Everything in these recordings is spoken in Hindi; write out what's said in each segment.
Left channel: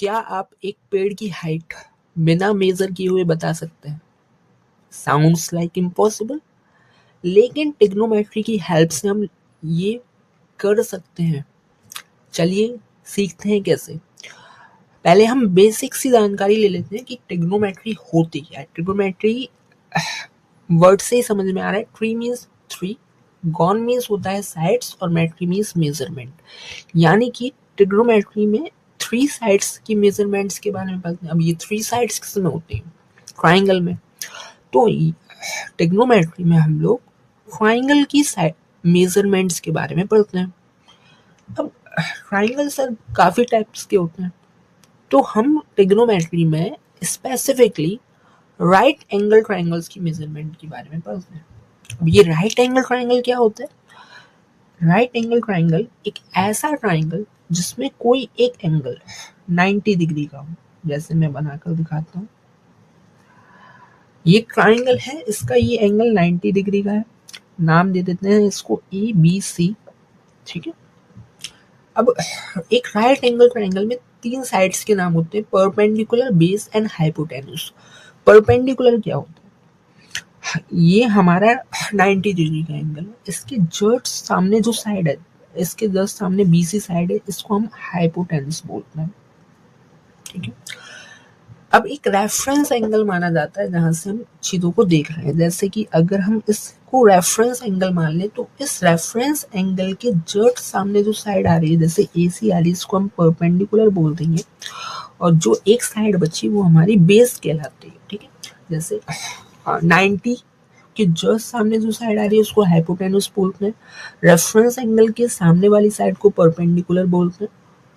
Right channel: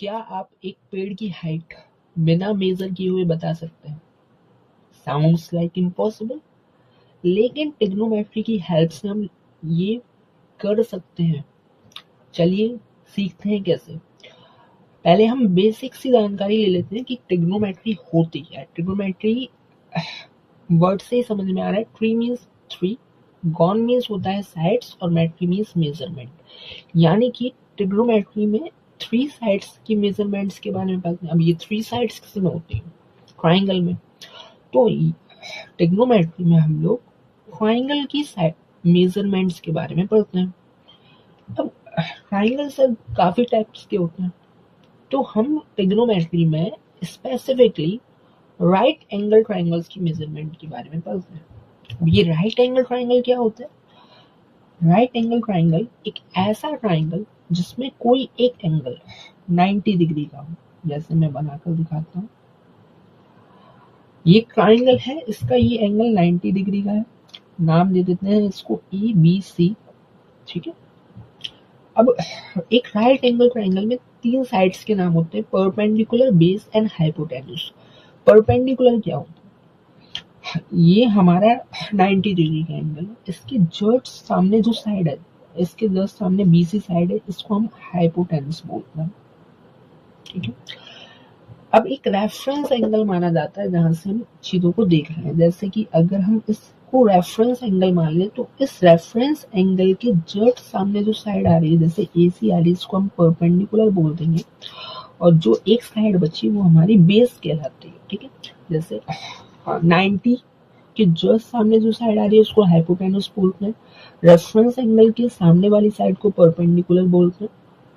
क्या आप एक पेड़ की हाइट बिना मेजर किए हुए बता सकते हैं? साउंड्स लाइक इम्पॉसिबल, लेकिन ट्रिग्नोमेट्री की हेल्प से हम ये कर सकते हैं। चलिए सीखते हैं कैसे। पहले हम बेसिक सी जानकारी ले लेते हैं कि ट्रिग्नोमेट्री होती क्या है। ट्रिग्नोमेट्री वर्ड से ही समझ में आ रहा है। Tree means three, gone means होता है साइड्स, और मेट्री मीन्स मेजरमेंट। यानी कि ट्रिग्नोमेट्री में थ्री साइड्स की मेजरमेंट्स के बारे में पढ़ते हैं। अब ये थ्री साइड्स किस में होती हैं? ट्राइंगल में। तो ट्रिग्नोमेट्री में हम लोग ट्राइंगल की मेजरमेंट्स के बारे में पढ़ते हैं। अब ट्राइंगल सर काफी टाइप्स के होते हैं, तो हम ट्रिग्नोमेट्री में स्पेसिफिकली राइट एंगल ट्राइंगल्स की मेजरमेंट के बारे में पढ़ते हैं। अब ये राइट एंगल ट्राइंगल क्या होता है? राइट एंगल ट्राइंगल एक ऐसा ट्राइंगल जिसमें कोई एक एंगल 90 डिग्री का हो। जैसे मैं बनाकर दिखाता हूँ, ये ट्राइंगल है, इसका ये एंगल 90 डिग्री का है। नाम दे देते हैं इसको ABC, ठीक है। अब एक राइट एंगल ट्राइंगल में तीन साइड्स के नाम होते हैं, perpendicular, base and hypotenuse. Perpendicular क्या होता है? ये हमारा 90 डिग्री का एंगल है, इसके जस्ट सामने जो साइड है, इसके जस्ट सामने BC साइड है, इसको हम हाइपोटेन्यूज बोलते हैं, ठीक है। अब एक रेफरेंस एंगल माना जाता है जहां से हम चीजों को देख रहे हैं। जैसे कि अगर हम इसको रेफरेंस एंगल मान लें, तो इस रेफरेंस एंगल के जस्ट सामने जो साइड आ रही है, जैसे AC आ रही है, इसको हम परपेंडिकुलर बोल देंगे, और जो एक साइड बची वो हमारी बेस कहलाती है, ठीक है। जैसे 90 के जस्ट सामने जो साइड आ रही है उसको हाइपोटेन्यूज बोलते हैं, रेफरेंस एंगल के सामने वाली साइड को परपेंडिकुलर बोलते हैं,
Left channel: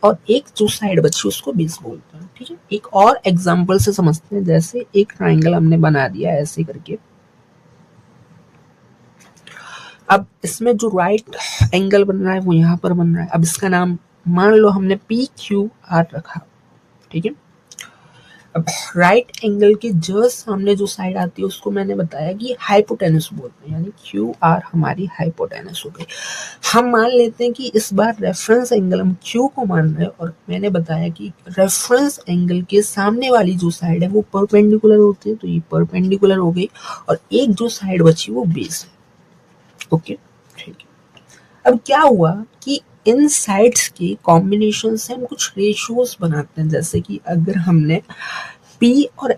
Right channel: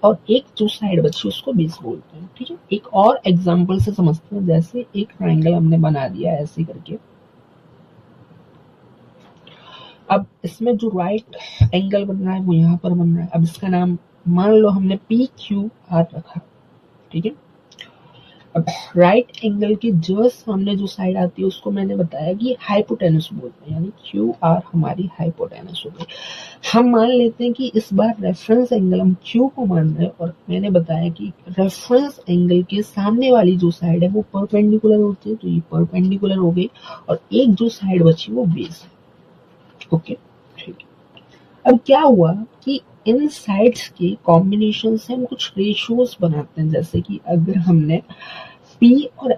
और एक जो साइड बची उसको बेस बोलते हैं, ठीक है। एक और एग्जांपल से समझते हैं। जैसे एक ट्राइंगल हमने बना दिया ऐसे करके, अब इसमें जो राइट एंगल बन रहा है वो यहाँ पर बन रहा है। अब इसका नाम मान लो हमने PQR रखा, ठीक है। अब राइट एंगल के जस्ट सामने जो साइड आती है उसको मैंने बताया कि हाइपोटेन्यूज बोलते हैं, यानी QR हमारी हाइपोटेन्यूज हो गई। हम मान लेते हैं कि इस बार रेफरेंस एंगल हम Q को मान रहे हैं, और मैंने बताया कि रेफरेंस एंगल के सामने वाली जो साइड है वो परपेंडिकुलर होती है, तो ये परपेंडिकुलर हो गई, और एक जो साइड बची वो बेस है, ओके, ठीक है। अब क्या हुआ कि इन साइड्स के कॉम्बिनेशन से हम कुछ रेशियोज बनाते हैं। जैसे कि अगर हमने P और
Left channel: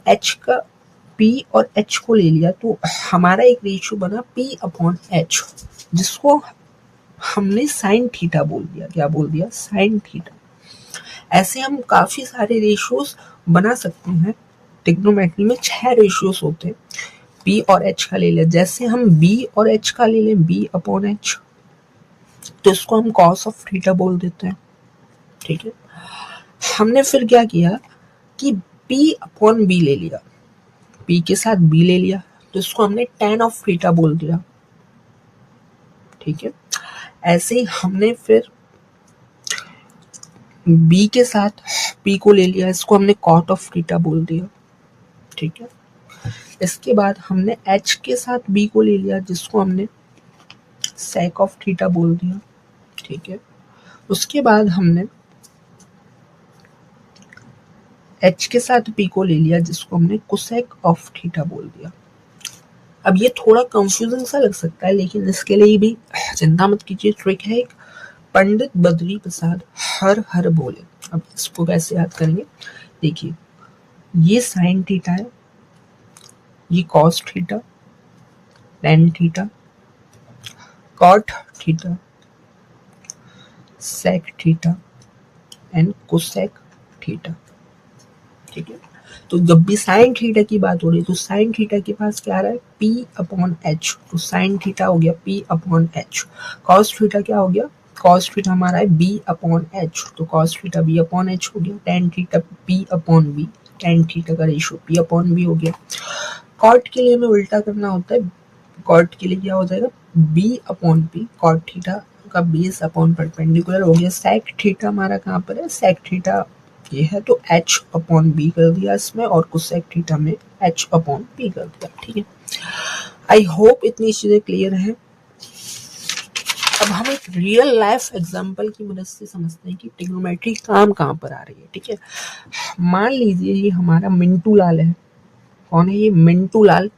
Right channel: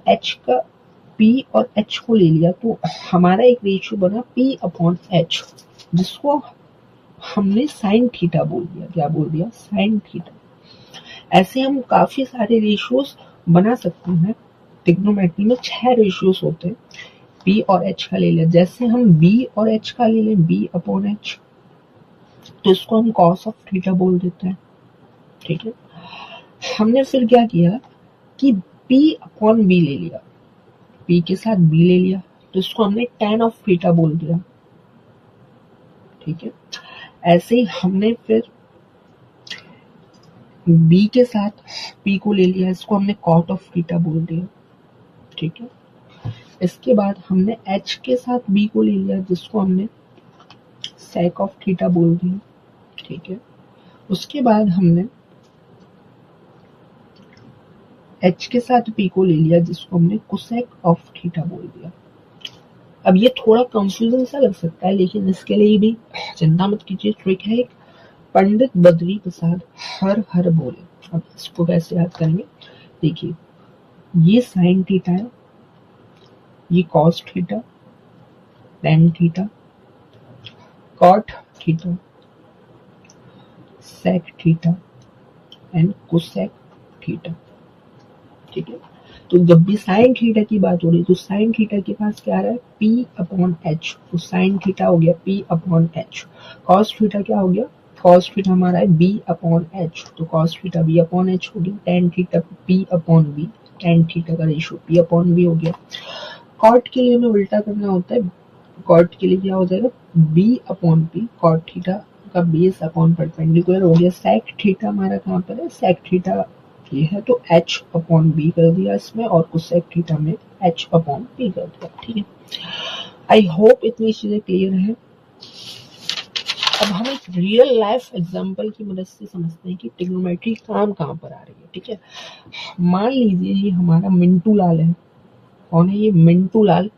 H को ले लिया, तो हमारा एक रेशियो बना P/H, जिसको हमने साइन थीटा बोल दिया। क्या बोल दिया? Sine theta. ऐसे हम काफी सारे रेशियोज बना सकते हैं। ट्रिग्नोमेट्री में 6 रेशियोज होते हैं। P और H का ले लिया, जैसे हम B और H का ले लें, B/H, तो इसको हम cos ऑफ थीटा बोल देते हैं, ठीक है। हमने फिर क्या किया कि P/B ले लिया, P के साथ B ले लिया, तो इसको हमने tan ऑफ थीटा बोल दिया, ठीक है। ऐसे ही हमने फिर B के साथ P को ले लिया, इसको हमने cot ऑफ थीटा बोल दिया, ठीक है। इसके बाद हमने H के साथ B को ले लिया, जिसको हमने sec ऑफ थीटा बोल दिया, ठीक है। उसके बाद हमने H के साथ P को ले लिया, जिसको हमने cosec ऑफ थीटा बोल दिया। अब ये थोड़ा कंफ्यूजन सा लग सकता है, लेकिन इसके लिए भी चिंता मत कीजिए, ट्रिक है एक। पंडित बद्री प्रसाद हर हर बोले। अब इसको कैसे याद करेंगे? देखिए, ये साइन थीटा है, ये cos theta, tan theta, cot theta, sec theta and cosec theta, ठीक है। तो जब भी साइन थीटा की बात हो रही है, तो साइन थीटा के पास क्या आ रहा है? P/H, तो साइन थीटा हो गया P/H। कॉस थीटा क्या हो गया? कॉस थीटा हमारा है B/H, तो कॉस थीटा B/H हो गया। Tan theta P/V, tan theta का रेशियो P/V हो गया। कॉट के लिए हमें उल्टा करना होता है। कॉट के लिए क्या हो जाएगा? B/P, कॉट थीटा का बेस अपॉन परपेंडिकुलर हो गया। सेक थीटा हमारा कहाँ पर है? सेक थीटा ये है, तो H/B कर दिया इसमें, और कोसेक थीटा में H/P कर दिया, ठीक है। आई होप इतनी चीजें क्लियर हैं। अब हम एक रियल लाइफ एग्जांपल की मदद से समझते हैं कि ट्रिग्नोमेट्री काम कहाँ पर आ रही है। ठीक है, मान लीजिए ये हमारा मिंटू लाल है। कौन है ये? मिंटू लाल।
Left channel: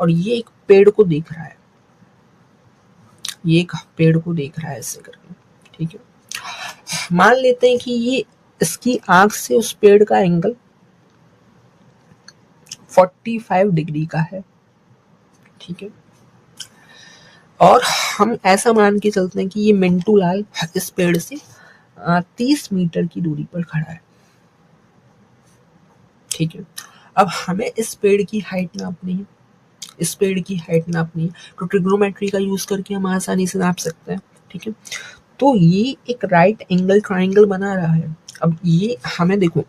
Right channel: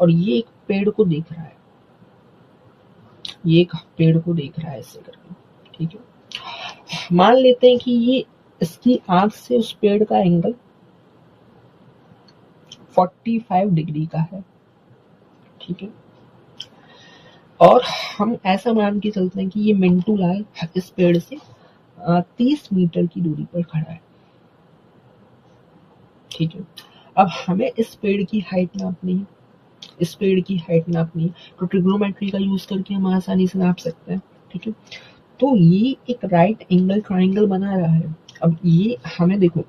और ये एक पेड़ को देख रहा है, ये एक पेड़ को देख रहा है ऐसे करके। ठीक है, मान लेते हैं कि ये इसकी आंख से उस पेड़ का एंगल 45 डिग्री का है। ठीक है, और हम ऐसा मान के चलते हैं कि ये मिंटू लाल इस पेड़ से 30 मीटर की दूरी पर खड़ा है। ठीक है, अब हमें इस पेड़ की हाइट नापनी है, इस पेड़ की हाइट नापनी है, तो ट्रिग्नोमेट्री का यूज करके हम आसानी से नाप सकते हैं। ठीक है, तो ये एक राइट एंगल ट्राइंगल बना रहा है। अब ये हमें देखो,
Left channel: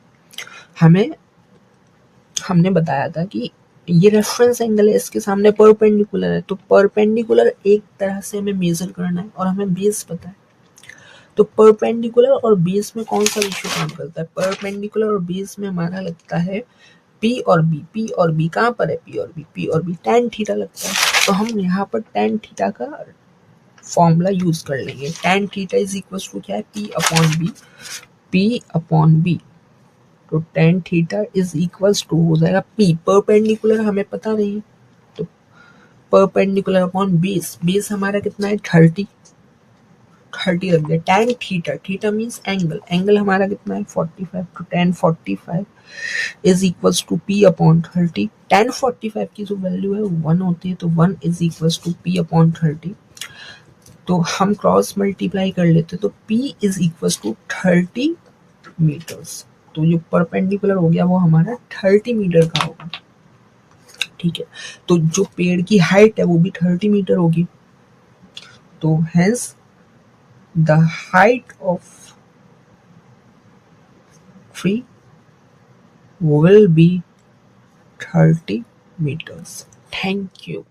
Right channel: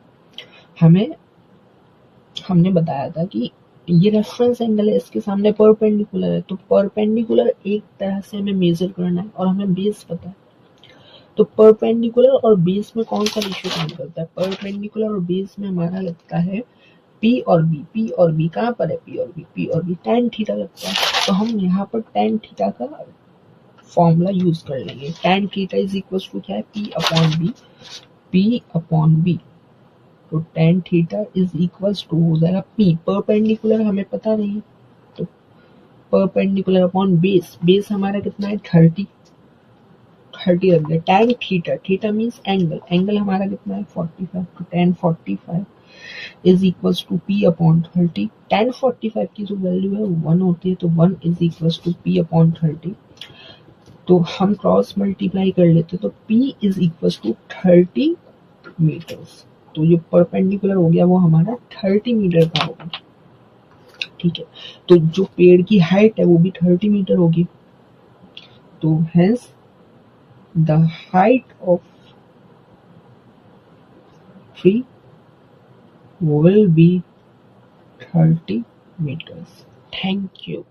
हमने बताया था कि ये रेफरेंस एंगल है, इसके सामने परपेंडिकुलर है, तो परपेंडिकुलर एक तरह से हमें मेजर करना है और हमें बेस पता है। तो परपेंडिकुलर और बेस में कौन सा रेशियो काम करता है? परपेंडिकुलर और बेस में हमारा लगता है पी और बी। पी और बी कहाँ पर है? पी और बी, पी और बी tan थीटा लगता है। तो हम यहाँ पर tan थीटा का फॉर्मूला यूज कर लेंगे। tan theta is equal to क्या है? P upon B, P upon B. तो tan theta is equals to हो जाएगा पी, परपेंडिकुलर हमें पता नहीं है, तो परपेंडिकुलर अपॉन बेस, बेस हमारा कितना है? 30 रख दिया। tan theta, theta means angle, angle हमारा कितना है? 45। तो tan 45 is equals to P upon 30। tan 45 की जो वैल्यू है 1 होती है, तो 1 is equals to P upon 30। तो हम क्रॉस मल्टीप्लाई कर लेते हैं, तो p is equals to 30 metres. तो जो परपेंडिकुलर हो गया वो हमारा 30 मीटर का होगा। ठीक है, तो जो पेड़ की हाइट है वो भी 30 मीटर होगी। तो hence the height of tree will be 30 meters. Thank you.